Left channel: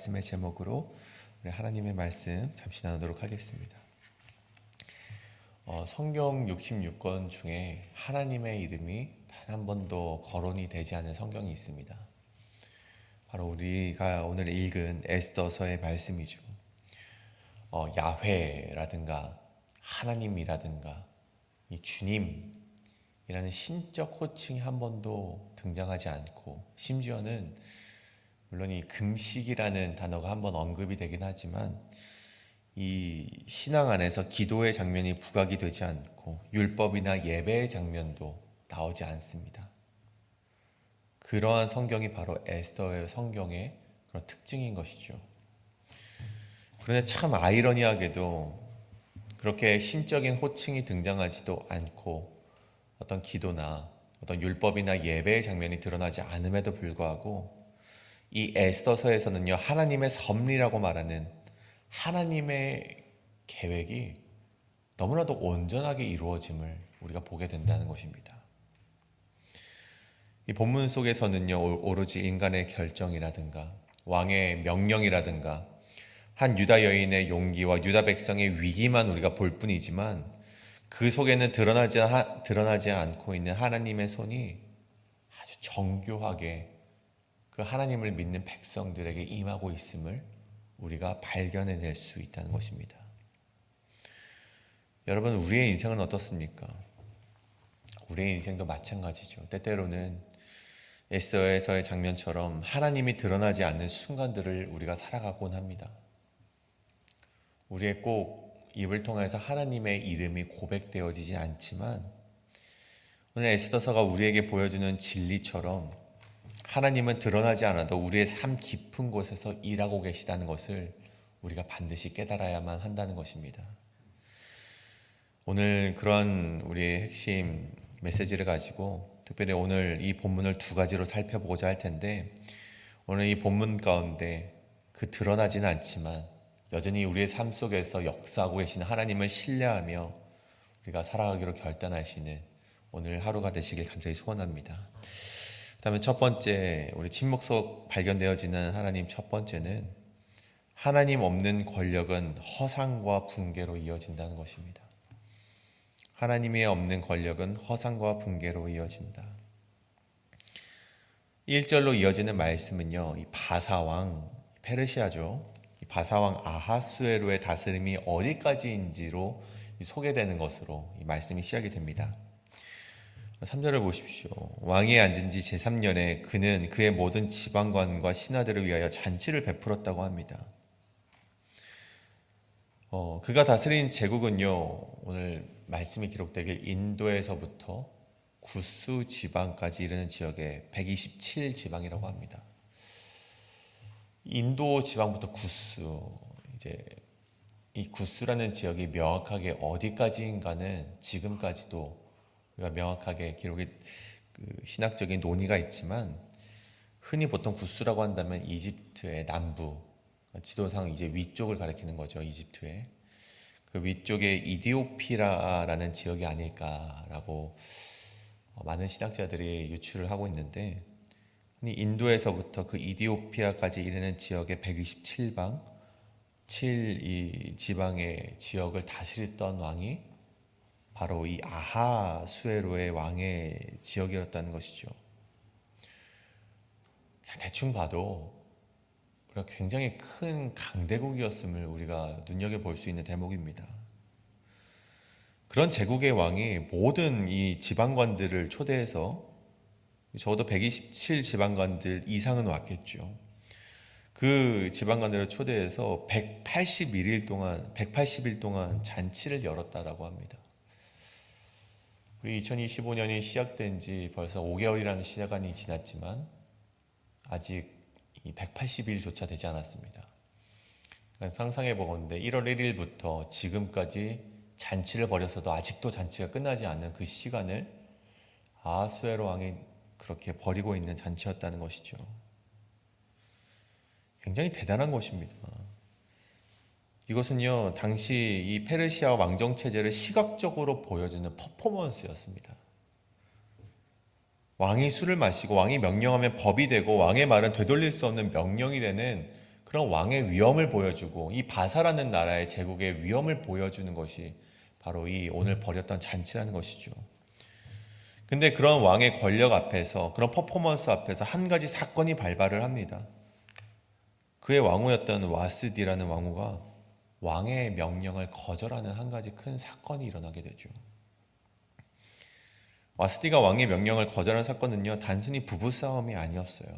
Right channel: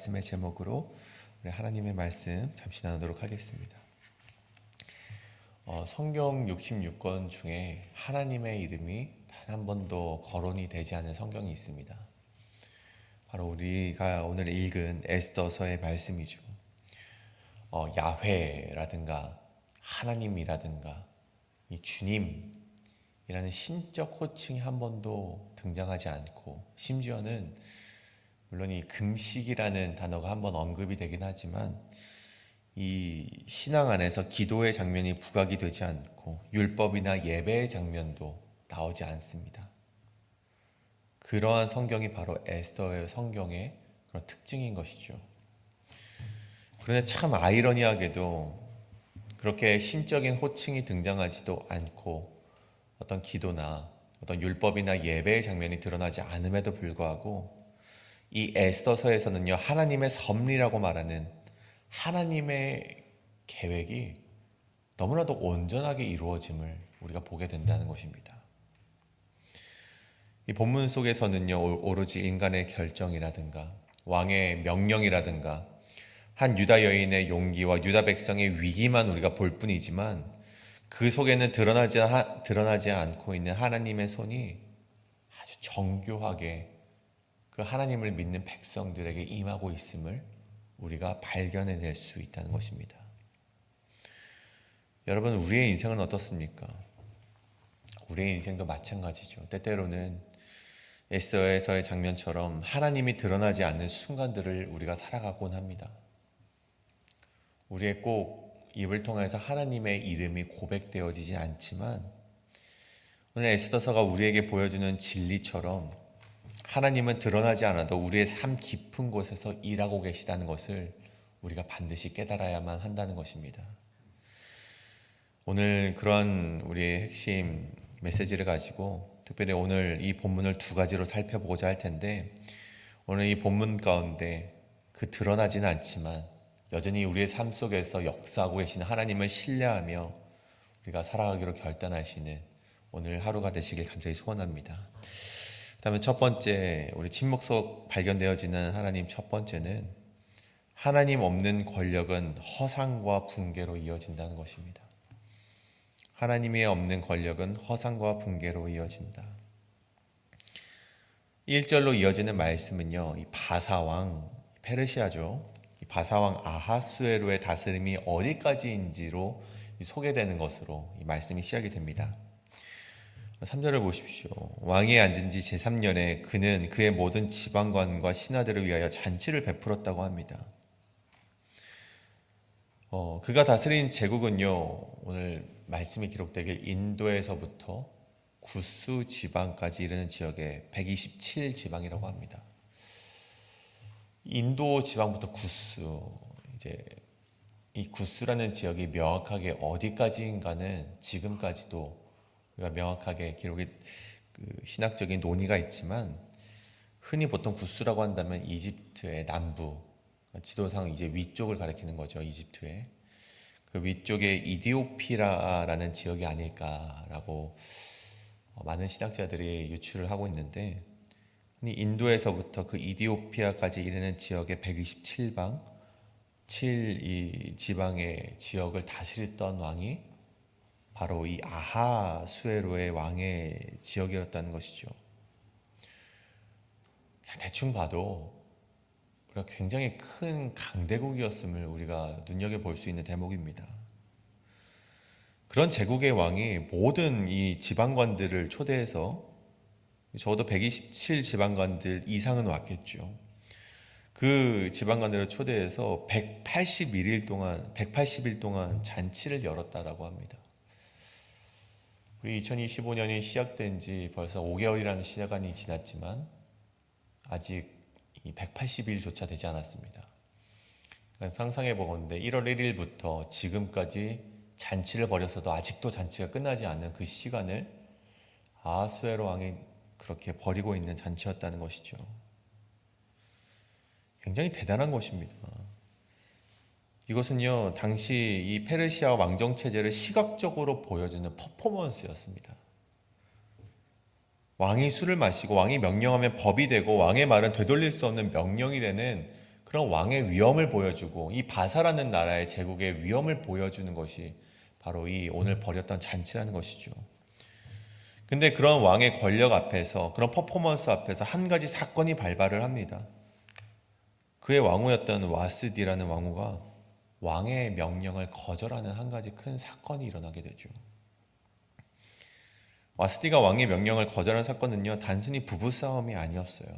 말씀의 제목으로 우리 하나님의 말씀 잠시 나누도록 하겠습니다. 성경 66권 중에 하나님의 이름이 단 한 번도 거론이 되지 않은 성경이 있습니다. 바로 우리가 오늘 읽은 에스더서의 말씀이죠. 야훼라든가 하나님이라든가 이 주님이라는 신적 호칭이 한 번도 등장하지 않고, 심지어는 물론 이 금식이라는 단어가 한 번 언급이 되긴 하지만 이 신앙 안에서 기도의 장면이 부각이 되지 않고 율법이나 예배의 장면도 나오지 않습니다. 그러한 성경이 바로 에스더의 성경의 그런 특징인 것이죠. 그런데 참 아이러니하게도 그렇게 신적인 호칭이 등장하지도 않고 어떤 기도나 어떤 율법이나 예배의 장면이 드러나지 않음에도 불구하고 이 에스더서에서는요, 하나님의 섭리라고 말하는 하나님의 계획이 너무나도 온전하게 이루어짐을 우리가 보게 된다는 것입니다. 이 본문 속에서는요, 오로지 인간의 결정이라든가 왕의 명령이라든가 한 유다 여인의 용기와 유다 백성의 위기만 우리가 볼 뿐이지만 그 속에는 드러나지 않고 있는 하나님의 손이 아주 정교하게 그 하나님을 믿는 백성들에게 임하고 있음을 우리가 발견해낼 수 있다는 것입니다. 여러분, 우리의 인생은 어떻습니까? 우리의 인생도 마찬가지죠. 때때로는 에스더에서의 장면처럼 하나님이 드러나지 않는 순간들을 우리가 살아가곤 합니다. 우리의 꼭 입을 통해서 하나님의 이름이 고백되어지지 않지만 오늘 에스더서가 우리에게 보여주는 진리처럼 하나님은 드러나지 않아도 우리의 삶 깊은 곳에서 일하고 계시다는 것을 우리가 반드시 깨달아야만 한다는 것입니다. 오늘 그러한 우리의 핵심 메시지를 가지고 특별히 오늘 이 본문을 두 가지로 살펴보고자 할 텐데, 오늘 이 본문 가운데 그 드러나지는 않지만 여전히 우리의 삶 속에서 역사하고 계시는 하나님을 신뢰하며 우리가 살아가기로 결단하시는 오늘 하루가 되시길 간절히 소원합니다. 그다음에 첫 번째, 우리 침묵 속 발견되어지는 하나님 첫 번째는 하나님 없는 권력은 허상과 붕괴로 이어진다는 것입니다. 하나님이 없는 권력은 허상과 붕괴로 이어진다. 1절로 이어지는 말씀은요, 이 바사왕, 페르시아죠. 이 바사왕 아하수에로의 다스림이 어디까지인지로 소개되는 것으로 이 말씀이 시작이 됩니다. 3절을 보십시오. 왕이 앉은 지 제3년에 그는 그의 모든 지방관과 신하들을 위하여 잔치를 베풀었다고 합니다. 그가 다스린 제국은요, 오늘 말씀이 기록되길 인도에서부터 구스 지방까지 이르는 지역에 127지방이라고 합니다. 인도 지방부터 구스, 이제 이 구스라는 지역이 명확하게 어디까지인가는 지금까지도 우리가 명확하게 기록이 신학적인 논의가 있지만, 흔히 보통 구스라고 한다면 이집트의 남부, 지도상 이제 위쪽을 가리키는 거죠. 이집트의 그 위쪽에 이디오피라라는 지역이 아닐까라고 많은 신학자들이 유추를 하고 있는데, 인도에서부터 그 이디오피아까지 이르는 지역의 127방, 7이 지방의 지역을 다스렸던 왕이 바로 이 아하수에로의 왕의 지역이었다는 것이죠. 대충 봐도 우리가 굉장히 큰 강대국이었음을 우리가 눈여겨볼 수 있는 대목입니다. 그런 제국의 왕이 모든 이 지방관들을 초대해서, 적어도 127지방관들 이상은 왔겠죠. 그 지방관들을 초대해서 180일 동안 잔치를 열었다라고 합니다. 우리 2025년이 시작된 지 벌써 5개월이라는 시간이 지났지만 아직 이 180일조차 되지 않았습니다. 상상해 보건대 1월 1일부터 지금까지 잔치를 벌였어도 아직도 잔치가 끝나지 않는 그 시간을 아하수에로 왕이 그렇게 벌이고 있는 잔치였다는 것이죠. 굉장히 대단한 것입니다. 이것은요, 당시 이 페르시아 왕정 체제를 시각적으로 보여주는 퍼포먼스였습니다. 왕이 술을 마시고 왕이 명령하면 법이 되고 왕의 말은 되돌릴 수 없는 명령이 되는 그런 왕의 위엄을 보여주고 이 바사라는 나라의 제국의 위엄을 보여주는 것이 바로 이 오늘 벌였던 잔치라는 것이죠. 근데 그런 왕의 권력 앞에서, 그런 퍼포먼스 앞에서 한 가지 사건이 발발을 합니다. 그의 왕후였던 와스디라는 왕후가 왕의 명령을 거절하는 한 가지 큰 사건이 일어나게 되죠. 와스디가 왕의 명령을 거절한 사건은요, 단순히 부부싸움이 아니었어요.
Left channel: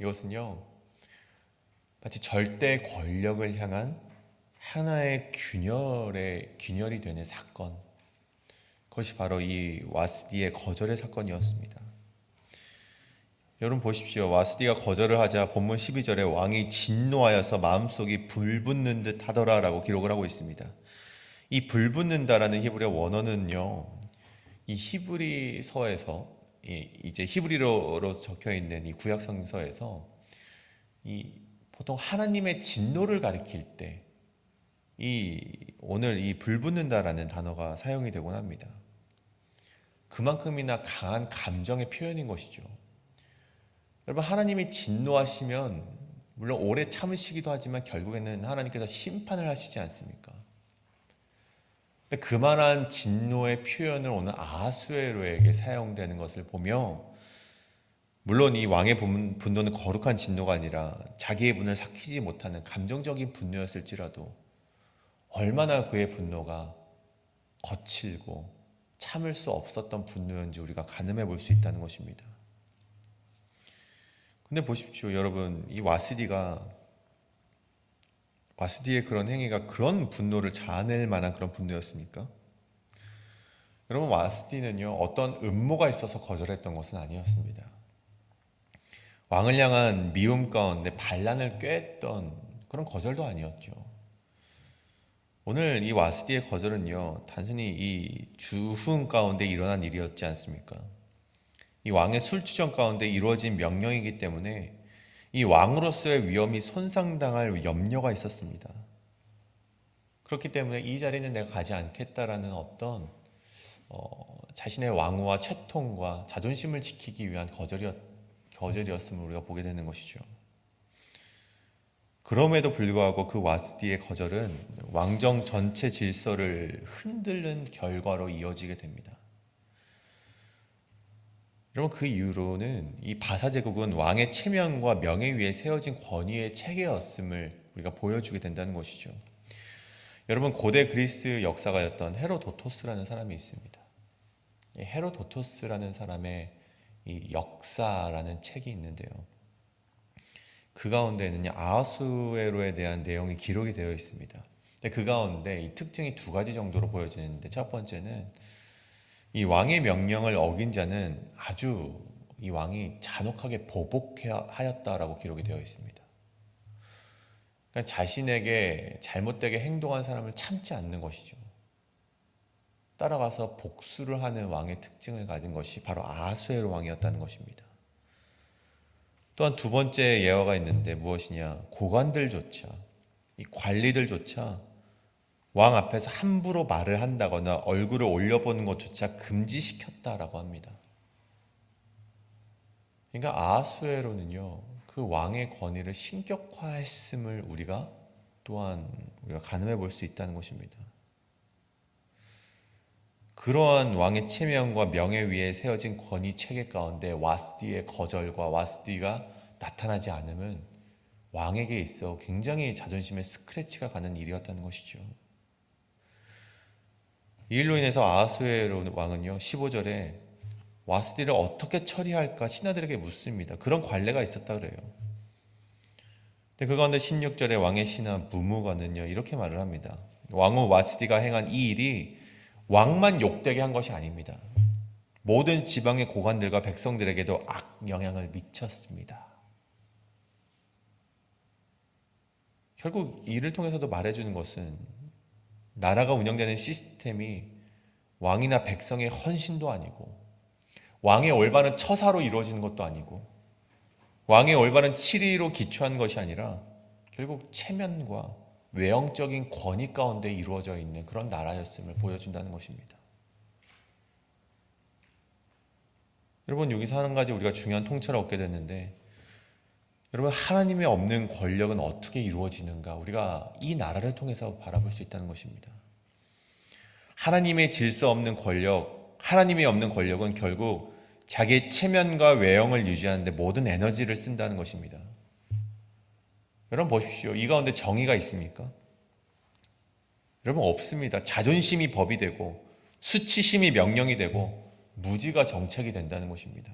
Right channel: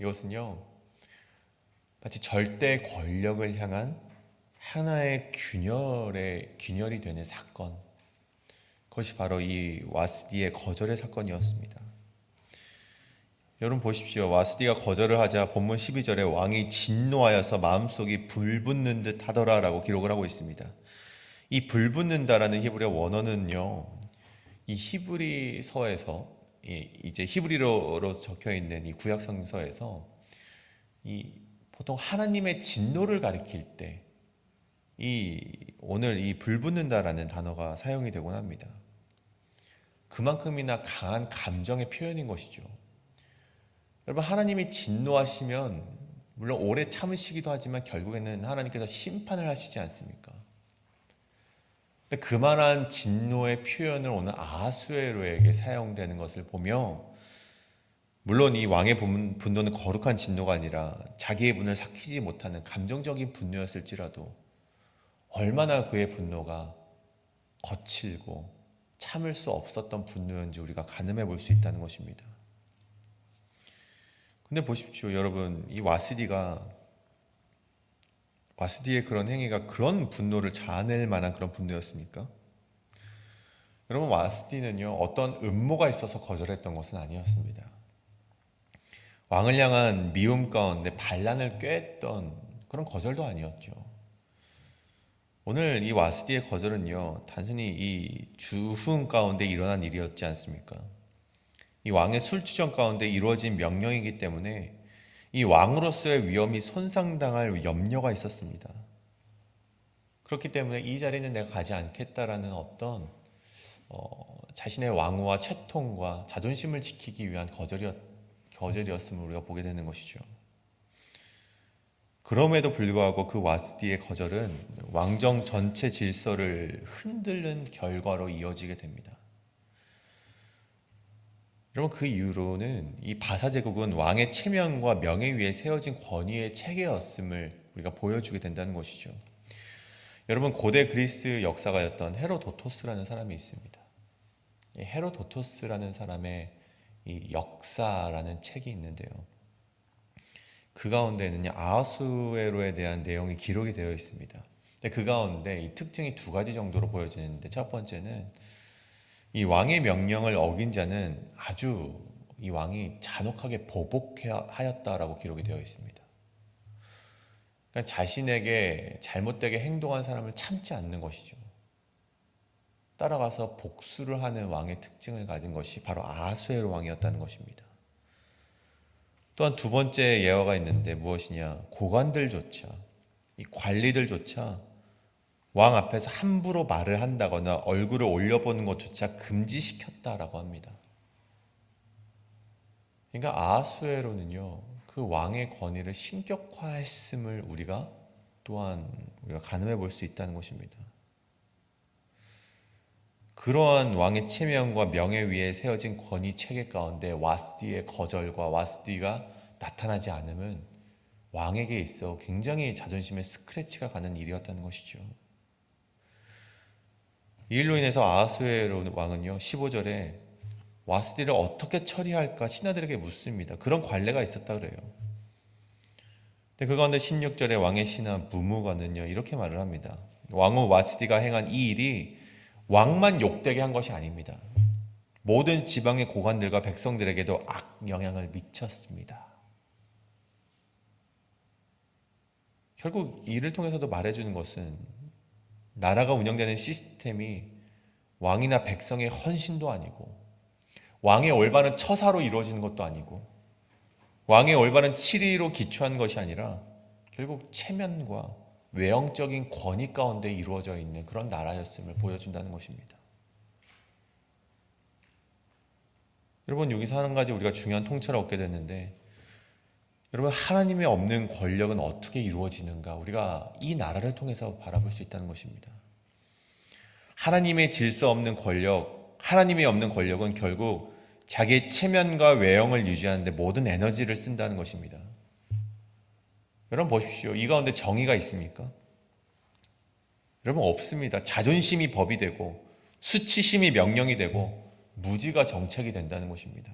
이것은요, 마치 절대 권력을 향한 하나의 균열이 되는 사건, 그것이 바로 이 와스디의 거절의 사건이었습니다. 여러분 보십시오. 와스디가 거절을 하자 본문 12절에 왕이 진노하여서 마음속이 불붙는 듯 하더라라고 기록을 하고 있습니다. 이 불붙는다라는 히브리어 원어는요, 이 히브리서에서 이제 히브리어로 적혀 있는 이 구약 성서에서 이 보통 하나님의 진노를 가리킬 때 오늘 이 불붙는다라는 단어가 사용이 되곤 합니다. 그만큼이나 강한 감정의 표현인 것이죠. 여러분, 하나님이 진노하시면 물론 오래 참으시기도 하지만 결국에는 하나님께서 심판을 하시지 않습니까? 근데 그만한 진노의 표현을 오늘 아하수에로에게 사용되는 것을 보며, 물론 이 왕의 분노는 거룩한 진노가 아니라 자기의 분을 삭히지 못하는 감정적인 분노였을지라도 얼마나 그의 분노가 거칠고 참을 수 없었던 분노였는지 우리가 가늠해 볼 수 있다는 것입니다. 근데 보십시오, 여러분, 이 와스디의 그런 행위가 그런 분노를 자아낼 만한 그런 분노였습니까? 여러분, 와스디는요, 어떤 음모가 있어서 거절했던 것은 아니었습니다. 왕을 향한 미움 가운데 반란을 꾀했던 그런 거절도 아니었죠. 오늘 이 와스디의 거절은요, 단순히 이 주흥 가운데 일어난 일이었지 않습니까? 이 왕의 술주정 가운데 이루어진 명령이기 때문에 이 왕으로서의 위엄이 손상당할 염려가 있었습니다. 그렇기 때문에 이 자리는 내가 가지 않겠다라는 어떤 자신의 왕후와 채통과 자존심을 지키기 위한 거절이었음을 우리가 보게 되는 것이죠. 그럼에도 불구하고 그 와스디의 거절은 왕정 전체 질서를 흔드는 결과로 이어지게 됩니다. 여러분, 그 이후로는 이 바사 제국은 왕의 체면과 명예 위에 세워진 권위의 체계였음을 우리가 보여주게 된다는 것이죠. 여러분, 고대 그리스 역사가였던 헤로도토스라는 사람이 있습니다. 이 헤로도토스라는 사람의 이 역사라는 책이 있는데요, 그 가운데는 아하수에로에 대한 내용이 기록이 되어 있습니다. 근데 그 가운데 이 특징이 두 가지 정도로 보여지는데, 첫 번째는 이 왕의 명령을 어긴 자는 아주 이 왕이 잔혹하게 보복하였다라고 기록이 되어 있습니다. 그러니까 자신에게 잘못되게 행동한 사람을 참지 않는 것이죠. 따라가서 복수를 하는 왕의 특징을 가진 것이 바로 아하수에로 왕이었다는 것입니다. 또한 두 번째 예화가 있는데 무엇이냐? 고관들조차, 이 관리들조차 왕 앞에서 함부로 말을 한다거나 얼굴을 올려보는 것조차 금지시켰다라고 합니다. 그러니까 아하수에로는요, 그 왕의 권위를 신격화했음을 우리가 가늠해 볼 수 있다는 것입니다. 그러한 왕의 체면과 명예 위에 세워진 권위 체계 가운데 와스디의 거절과 와스디가 나타나지 않음은 왕에게 있어 굉장히 자존심에 스크래치가 가는 일이었다는 것이죠. 이 일로 인해서 아하수에로 왕은요, 15절에 와스디를 어떻게 처리할까 신하들에게 묻습니다. 그런 관례가 있었다 그래요. 근데 그 가운데 16절에 왕의 신하 무무가는요, 이렇게 말을 합니다. 왕후 와스디가 행한 이 일이 왕만 욕되게 한 것이 아닙니다. 모든 지방의 고관들과 백성들에게도 악영향을 미쳤습니다. 결국 이를 통해서도 말해주는 것은 나라가 운영되는 시스템이 왕이나 백성의 헌신도 아니고, 왕의 올바른 처사로 이루어지는 것도 아니고, 왕의 올바른 치리로 기초한 것이 아니라 결국 체면과 외형적인 권위 가운데 이루어져 있는 그런 나라였음을 보여준다는 것입니다. 여러분, 여기서 한 가지 우리가 중요한 통찰을 얻게 됐는데, 여러분, 하나님의 없는 권력은 어떻게 이루어지는가? 우리가 이 나라를 통해서 바라볼 수 있다는 것입니다. 하나님의 질서 없는 권력, 하나님이 없는 권력은 결국 자기의 체면과 외형을 유지하는데 모든 에너지를 쓴다는 것입니다. 여러분 보십시오. 이 가운데 정의가 있습니까? 여러분 없습니다. 자존심이 법이 되고 수치심이 명령이 되고 무지가 정책이 된다는 것입니다.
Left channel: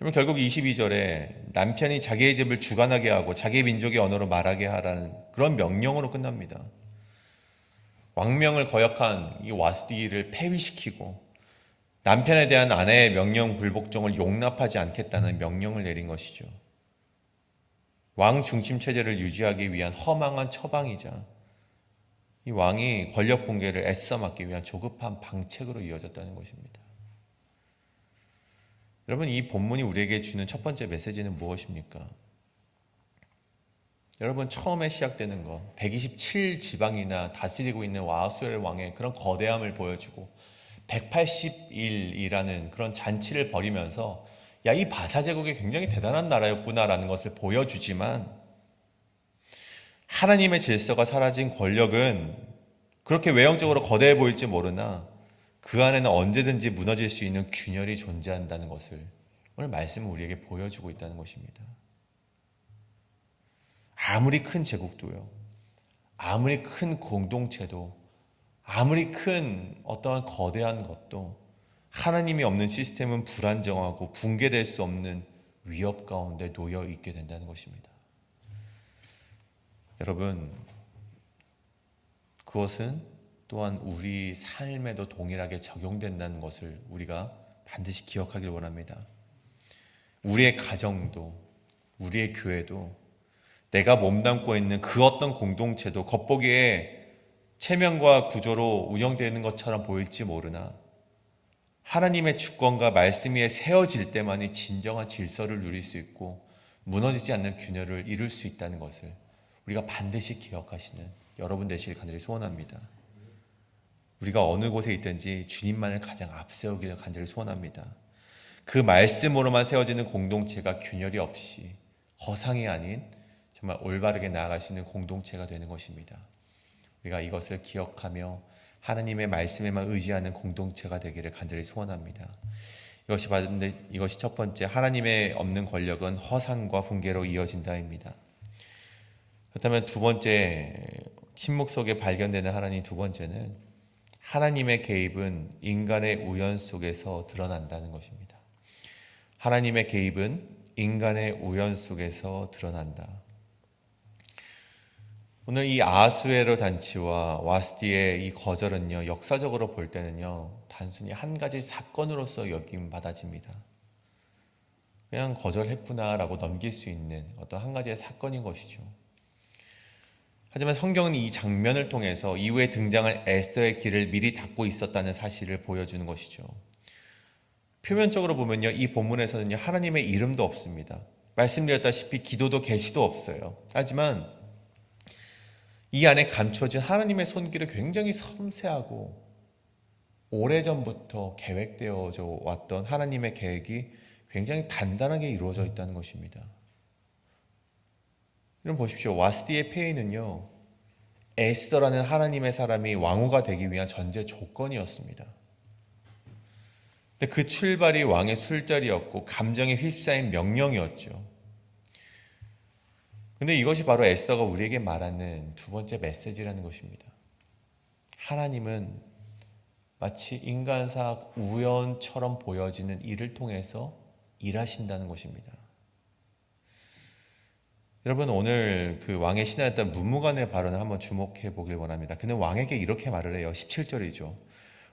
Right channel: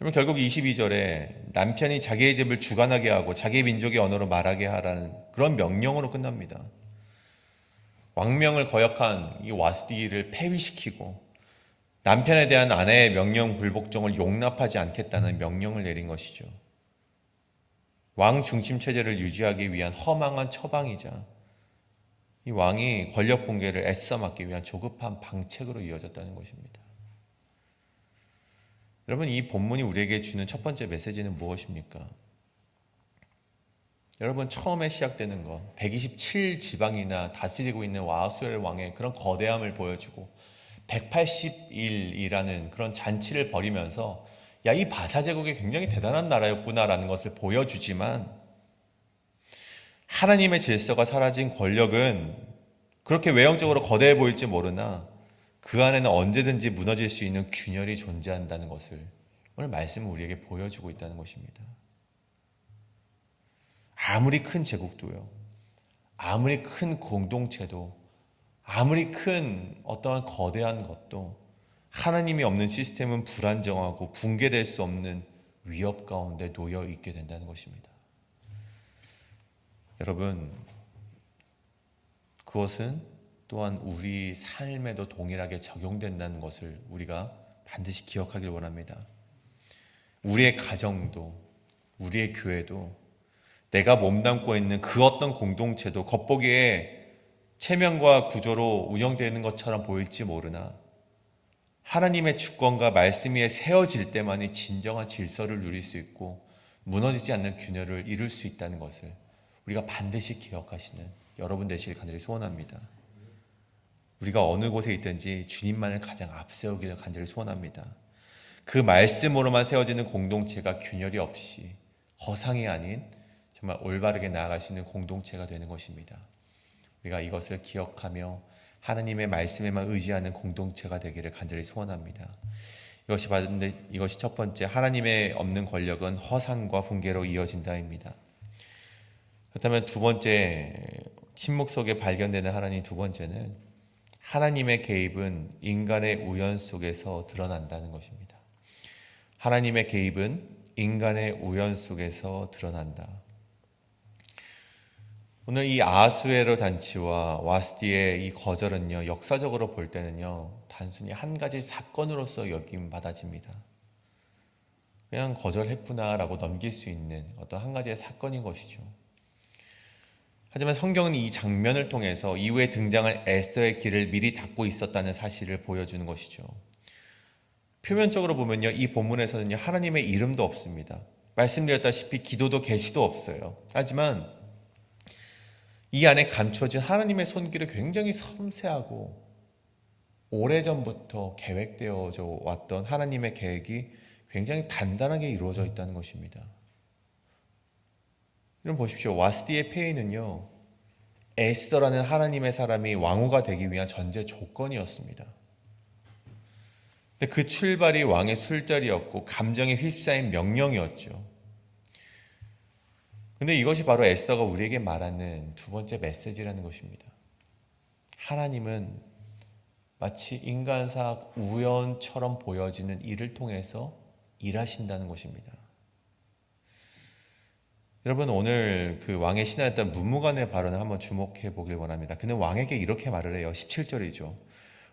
여러분 결국 22절에 남편이 자기의 집을 주관하게 하고 자기의 민족의 언어로 말하게 하라는 그런 명령으로 끝납니다. 왕명을 거역한 이 와스디를 폐위시키고 남편에 대한 아내의 명령 불복종을 용납하지 않겠다는 명령을 내린 것이죠. 왕 중심 체제를 유지하기 위한 허망한 처방이자 이 왕이 권력 붕괴를 애써 막기 위한 조급한 방책으로 이어졌다는 것입니다. 여러분 이 본문이 우리에게 주는 첫 번째 메시지는 무엇입니까? 여러분 처음에 시작되는 것 127지방이나 다스리고 있는 아하수엘 왕의 그런 거대함을 보여주고 180일이라는 그런 잔치를 벌이면서 야, 이 바사 제국이 굉장히 대단한 나라였구나라는 것을 보여주지만 하나님의 질서가 사라진 권력은 그렇게 외형적으로 거대해 보일지 모르나 그 안에는 언제든지 무너질 수 있는 균열이 존재한다는 것을 오늘 말씀은 우리에게 보여주고 있다는 것입니다. 아무리 큰 제국도요, 아무리 큰 공동체도, 아무리 큰 어떠한 거대한 것도 하나님이 없는 시스템은 불안정하고 붕괴될 수 없는 위협 가운데 놓여 있게 된다는 것입니다. 여러분, 그것은 또한 우리 삶에도 동일하게 적용된다는 것을 우리가 반드시 기억하길 원합니다. 우리의 가정도, 우리의 교회도, 내가 몸담고 있는 그 어떤 공동체도 겉보기에 체면과 구조로 운영되는 것처럼 보일지 모르나 하나님의 주권과 말씀 위에 세워질 때만이 진정한 질서를 누릴 수 있고 무너지지 않는 균열을 이룰 수 있다는 것을 우리가 반드시 기억하시는 여러분 되시길 간절히 소원합니다. 우리가 어느 곳에 있든지 주님만을 가장 앞세우기를 간절히 소원합니다. 그 말씀으로만 세워지는 공동체가 균열이 없이 허상이 아닌 정말 올바르게 나아가시는 공동체가 되는 것입니다. 우리가 이것을 기억하며 하나님의 말씀에만 의지하는 공동체가 되기를 간절히 소원합니다. 이것이 첫 번째, 하나님의 없는 권력은 허상과 붕괴로 이어진다입니다. 그렇다면 두 번째, 침묵 속에 발견되는 하나님 두 번째는 하나님의 개입은 인간의 우연 속에서 드러난다는 것입니다. 하나님의 개입은 인간의 우연 속에서 드러난다. 오늘 이 아하수에로 잔치와 와스디의 이 거절은요, 역사적으로 볼 때는요, 단순히 한 가지 사건으로서 여김 받아집니다. 그냥 거절했구나라고 넘길 수 있는 어떤 한 가지의 사건인 것이죠. 하지만 성경은 이 장면을 통해서 이후에 등장할 에스더의 길을 미리 닫고 있었다는 사실을 보여주는 것이죠. 표면적으로 보면요, 이 본문에서는요, 하나님의 이름도 없습니다. 말씀드렸다시피 기도도 계시도 없어요. 하지만 이 안에 감춰진 하나님의 손길을 굉장히 섬세하고 오래전부터 계획되어져 왔던 하나님의 계획이 굉장히 단단하게 이루어져 있다는 것입니다. 여러분 보십시오. 와스디의 폐위는요, 에스더라는 하나님의 사람이 왕후가 되기 위한 전제 조건이었습니다. 근데 그 출발이 왕의 술자리였고 감정에 휩싸인 명령이었죠. 근데 이것이 바로 에스더가 우리에게 말하는 두 번째 메시지라는 것입니다. 하나님은 마치 인간사 우연처럼 보여지는 일을 통해서 일하신다는 것입니다. 여러분 오늘 그 왕의 신하였던 문무관의 발언을 한번 주목해 보길 원합니다. 그는 왕에게 이렇게 말을 해요. 17절이죠.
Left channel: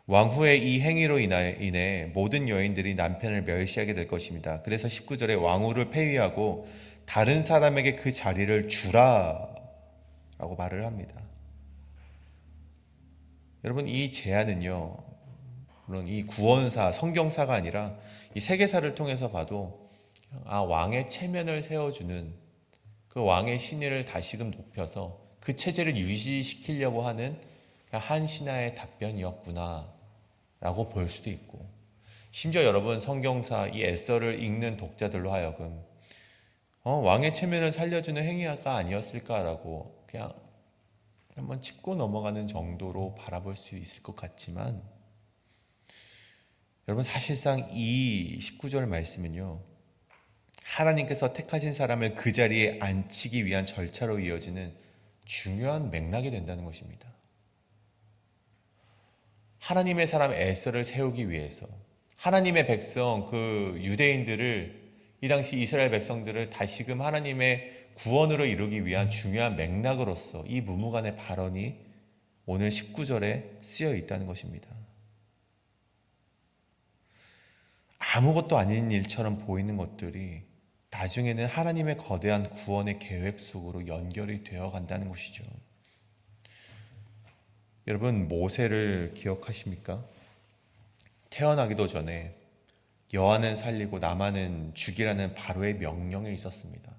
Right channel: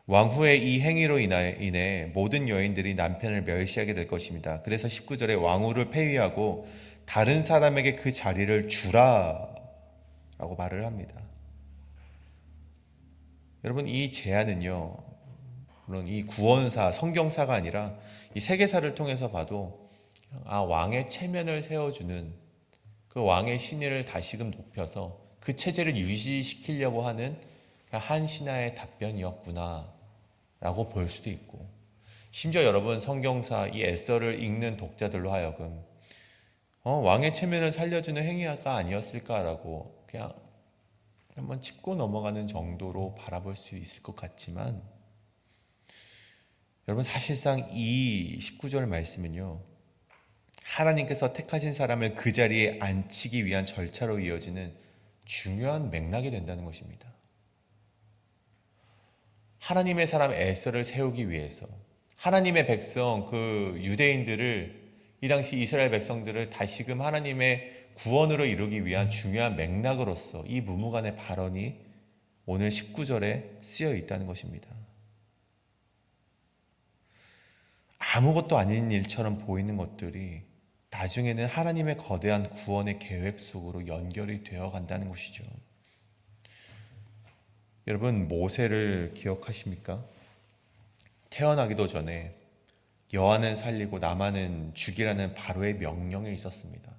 왕후의 이 행위로 인해 모든 여인들이 남편을 멸시하게 될 것입니다. 그래서 19절에 왕후를 폐위하고 다른 사람에게 그 자리를 주라 라고 말을 합니다. 여러분 이 제안은요, 물론 이 구원사, 성경사가 아니라 이 세계사를 통해서 봐도 왕의 체면을 세워주는 그 왕의 신의를 다시금 높여서 그 체제를 유지시키려고 하는 한 신하의 답변이었구나 라고 볼 수도 있고, 심지어 여러분 성경사 이 에스더를 읽는 독자들로 하여금 왕의 체면을 살려주는 행위가 아니었을까라고 그냥 한번 짚고 넘어가는 정도로 바라볼 수 있을 것 같지만, 여러분 사실상 이 19절 말씀은요, 하나님께서 택하신 사람을 그 자리에 앉히기 위한 절차로 이어지는 중요한 맥락이 된다는 것입니다. 하나님의 사람 에스더를 세우기 위해서 하나님의 백성 그 유대인들을, 이 당시 이스라엘 백성들을 다시금 하나님의 구원으로 이루기 위한 중요한 맥락으로서 이 무무간의 발언이 오늘 19절에 쓰여 있다는 것입니다. 아무것도 아닌 일처럼 보이는 것들이 나중에는 하나님의 거대한 구원의 계획 속으로 연결이 되어 간다는 것이죠. 여러분, 모세를 기억하십니까? 태어나기도 전에 여호와는 살리고 나만은 죽이라는 바로의 명령에 있었습니다.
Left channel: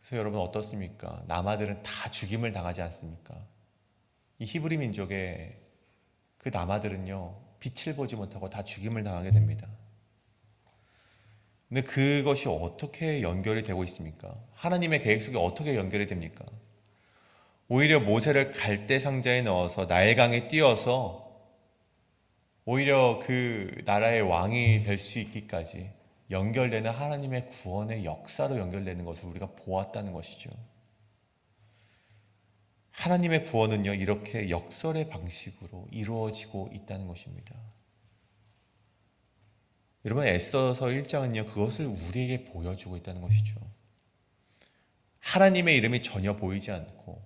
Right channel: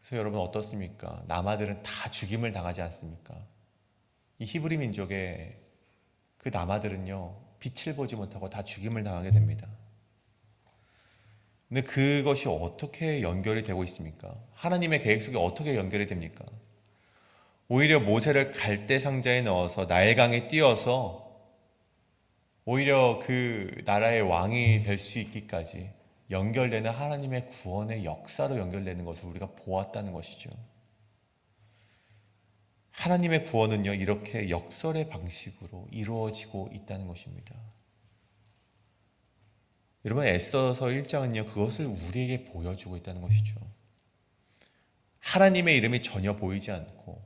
그래서 여러분 어떻습니까? 남아들은 다 죽임을 당하지 않습니까? 이 히브리 민족의 그 남아들은요, 빛을 보지 못하고 다 죽임을 당하게 됩니다. 근데 그것이 어떻게 연결이 되고 있습니까? 하나님의 계획 속에 어떻게 연결이 됩니까? 오히려 모세를 갈대 상자에 넣어서 나일강에 띄어서 오히려 그 나라의 왕이 될 수 있기까지 연결되는 하나님의 구원의 역사로 연결되는 것을 우리가 보았다는 것이죠. 하나님의 구원은요, 이렇게 역설의 방식으로 이루어지고 있다는 것입니다. 여러분, 에스더서 1장은요, 그것을 우리에게 보여주고 있다는 것이죠. 하나님의 이름이 전혀 보이지 않고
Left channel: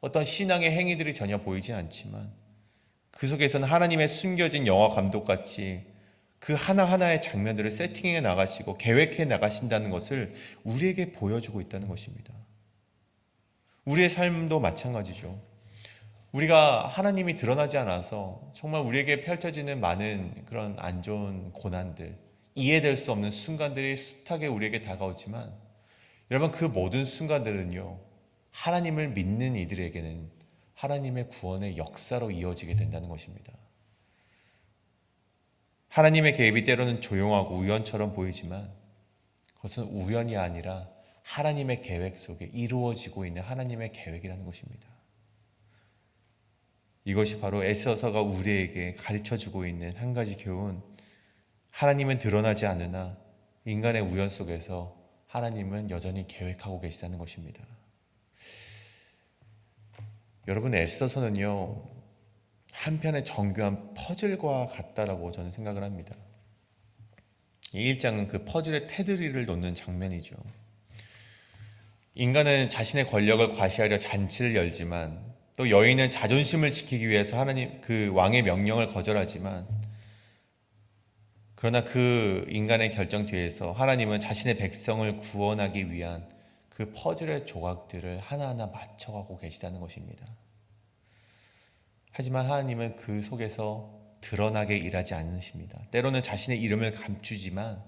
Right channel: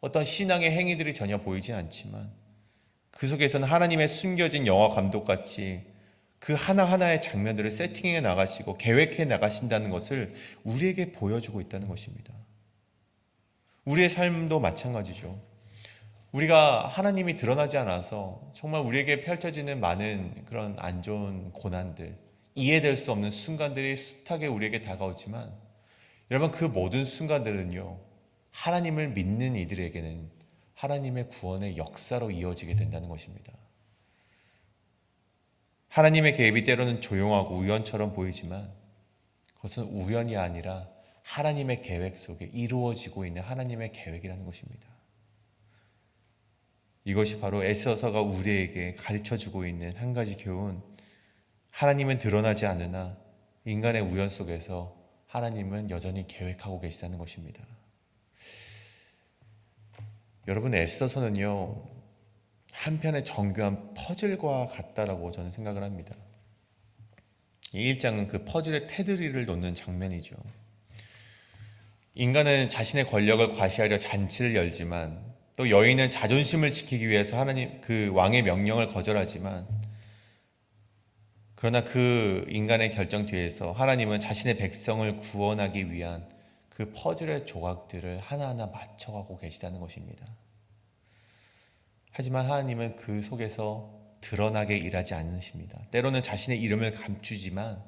어떤 신앙의 행위들이 전혀 보이지 않지만 그 속에서는 하나님의 숨겨진 영화 감독같이 그 하나하나의 장면들을 세팅해 나가시고 계획해 나가신다는 것을 우리에게 보여주고 있다는 것입니다. 우리의 삶도 마찬가지죠. 우리가 하나님이 드러나지 않아서 정말 우리에게 펼쳐지는 많은 그런 안 좋은 고난들, 이해될 수 없는 순간들이 숱하게 우리에게 다가오지만, 여러분 그 모든 순간들은요, 하나님을 믿는 이들에게는 하나님의 구원의 역사로 이어지게 된다는 것입니다. 하나님의 개입이 때로는 조용하고 우연처럼 보이지만 그것은 우연이 아니라 하나님의 계획 속에 이루어지고 있는 하나님의 계획이라는 것입니다. 이것이 바로 에스더서가 우리에게 가르쳐주고 있는 한 가지 교훈, 하나님은 드러나지 않으나 인간의 우연 속에서 하나님은 여전히 계획하고 계시다는 것입니다. 여러분, 에스더서는요, 한편의 정교한 퍼즐과 같다라고 저는 생각을 합니다. 이 1장은 그 퍼즐의 테두리를 놓는 장면이죠. 인간은 자신의 권력을 과시하려 잔치를 열지만, 또 여인은 자존심을 지키기 위해서 하나님 그 왕의 명령을 거절하지만, 그러나 그 인간의 결정 뒤에서 하나님은 자신의 백성을 구원하기 위한 그 퍼즐의 조각들을 하나하나 맞춰가고 계시다는 것입니다. 하지만 하나님은 그 속에서 드러나게 일하지 않으십니다. 때로는 자신의 이름을 감추지만,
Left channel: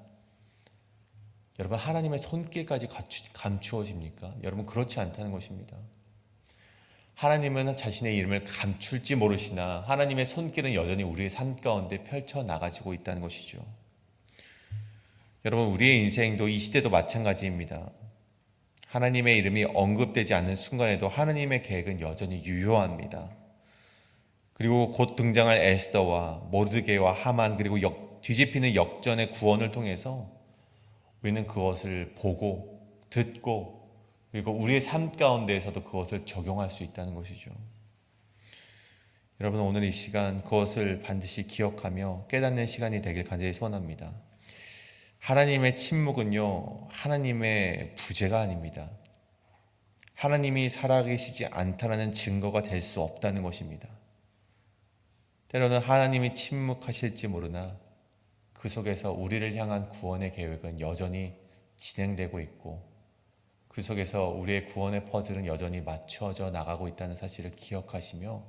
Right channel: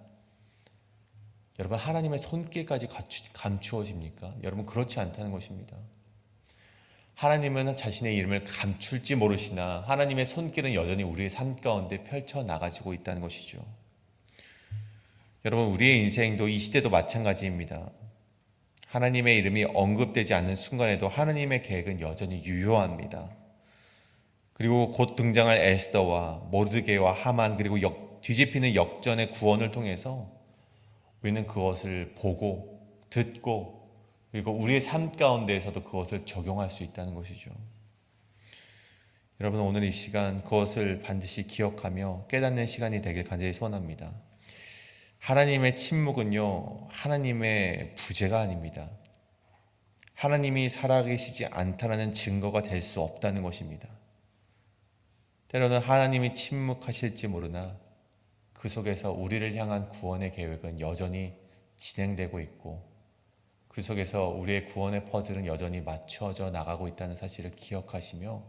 여러분 하나님의 손길까지 감추어집니까? 여러분 그렇지 않다는 것입니다. 하나님은 자신의 이름을 감출지 모르시나 하나님의 손길은 여전히 우리의 삶 가운데 펼쳐나가지고 있다는 것이죠. 여러분, 우리의 인생도 이 시대도 마찬가지입니다. 하나님의 이름이 언급되지 않는 순간에도 하나님의 계획은 여전히 유효합니다. 그리고 곧 등장할 에스더와 모르드게와 하만, 그리고 뒤집히는 역전의 구원을 통해서 우리는 그것을 보고 듣고 그리고 우리의 삶 가운데에서도 그것을 적용할 수 있다는 것이죠. 여러분, 오늘 이 시간 그것을 반드시 기억하며 깨닫는 시간이 되길 간절히 소원합니다. 하나님의 침묵은요, 하나님의 부재가 아닙니다. 하나님이 살아계시지 않다는 증거가 될 수 없다는 것입니다. 때로는 하나님이 침묵하실지 모르나 그 속에서 우리를 향한 구원의 계획은 여전히 진행되고 있고, 그 속에서 우리의 구원의 퍼즐은 여전히 맞춰져 나가고 있다는 사실을 기억하시며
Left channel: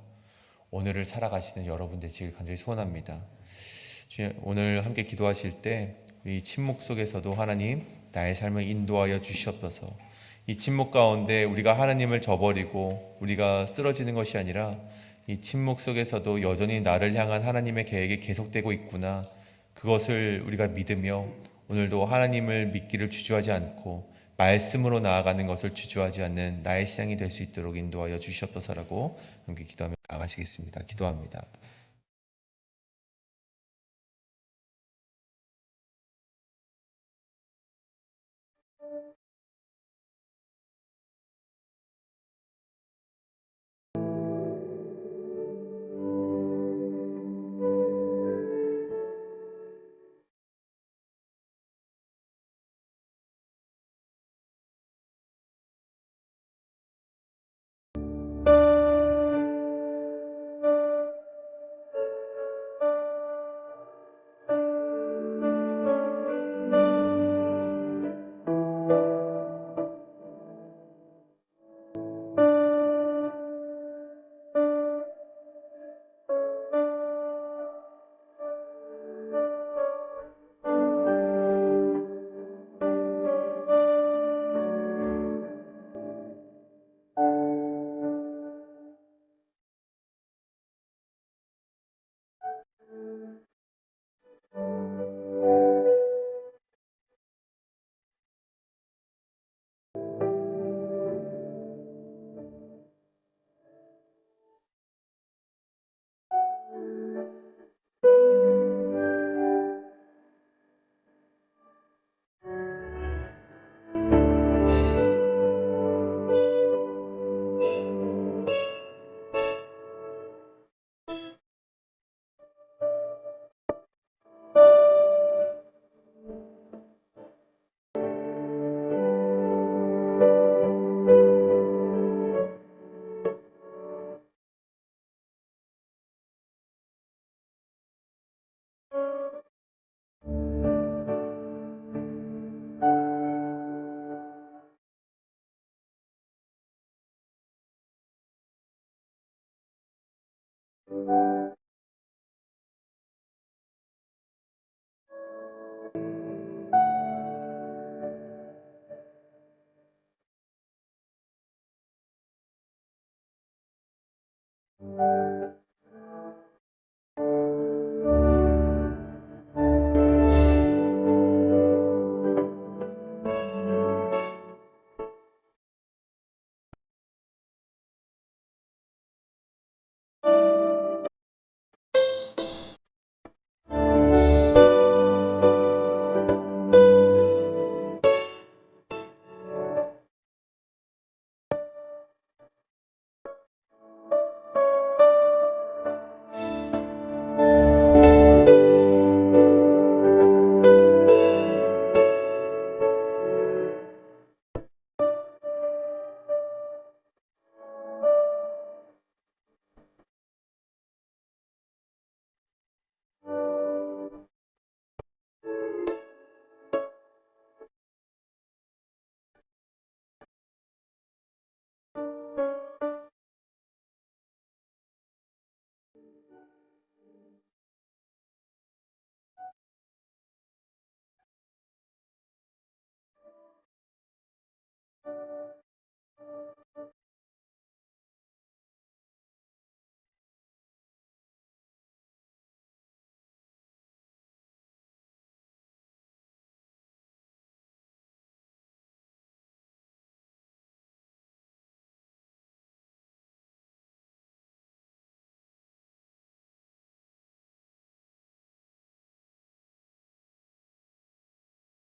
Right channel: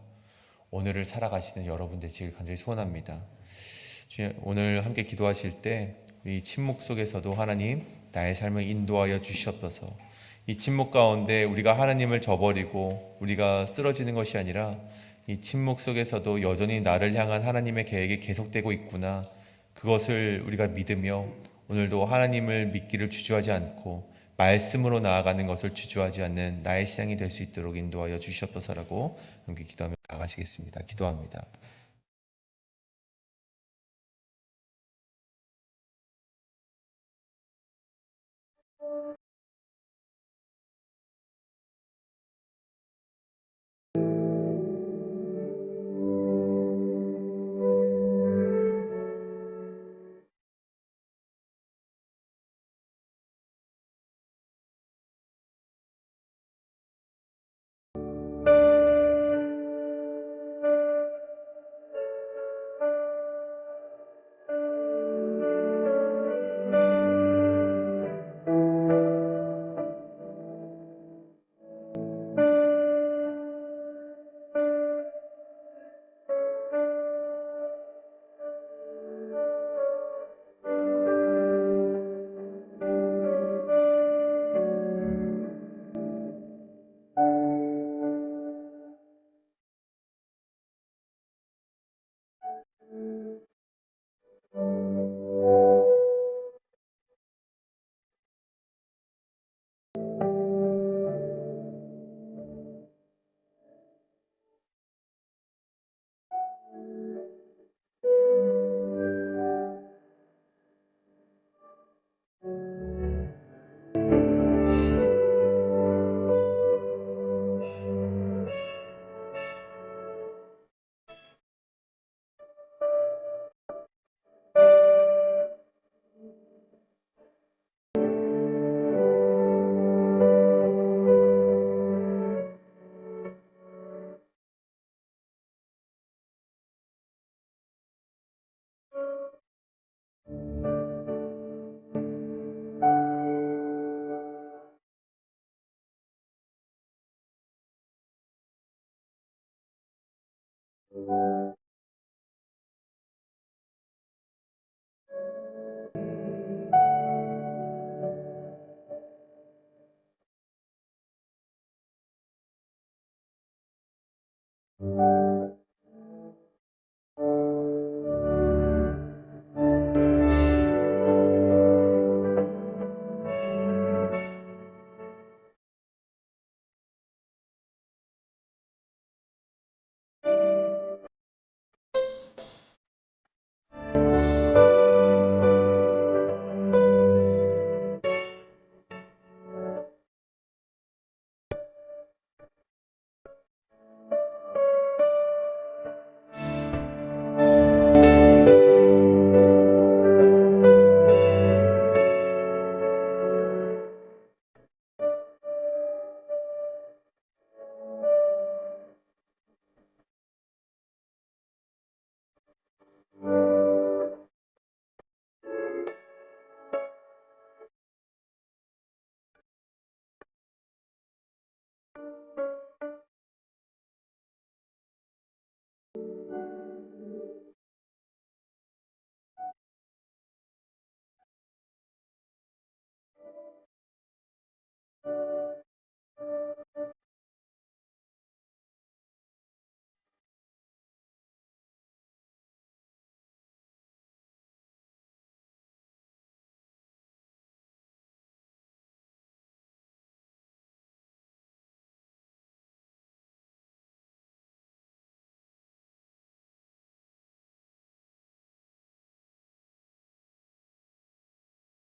오늘을 살아가시는 여러분 되시길 간절히 소원합니다. 오늘 함께 기도하실 때 이 침묵 속에서도 하나님 나의 삶을 인도하여 주시옵소서. 이 침묵 가운데 우리가 하나님을 저버리고 우리가 쓰러지는 것이 아니라 이 침묵 속에서도 여전히 나를 향한 하나님의 계획이 계속되고 있구나, 그것을 우리가 믿으며 오늘도 하나님을 믿기를 주저하지 않고 말씀으로 나아가는 것을 주저하지 않는 나의 신앙이 될 수 있도록 인도하여 주시옵소서라고 함께 기도하며 나가시겠습니다. 기도합니다.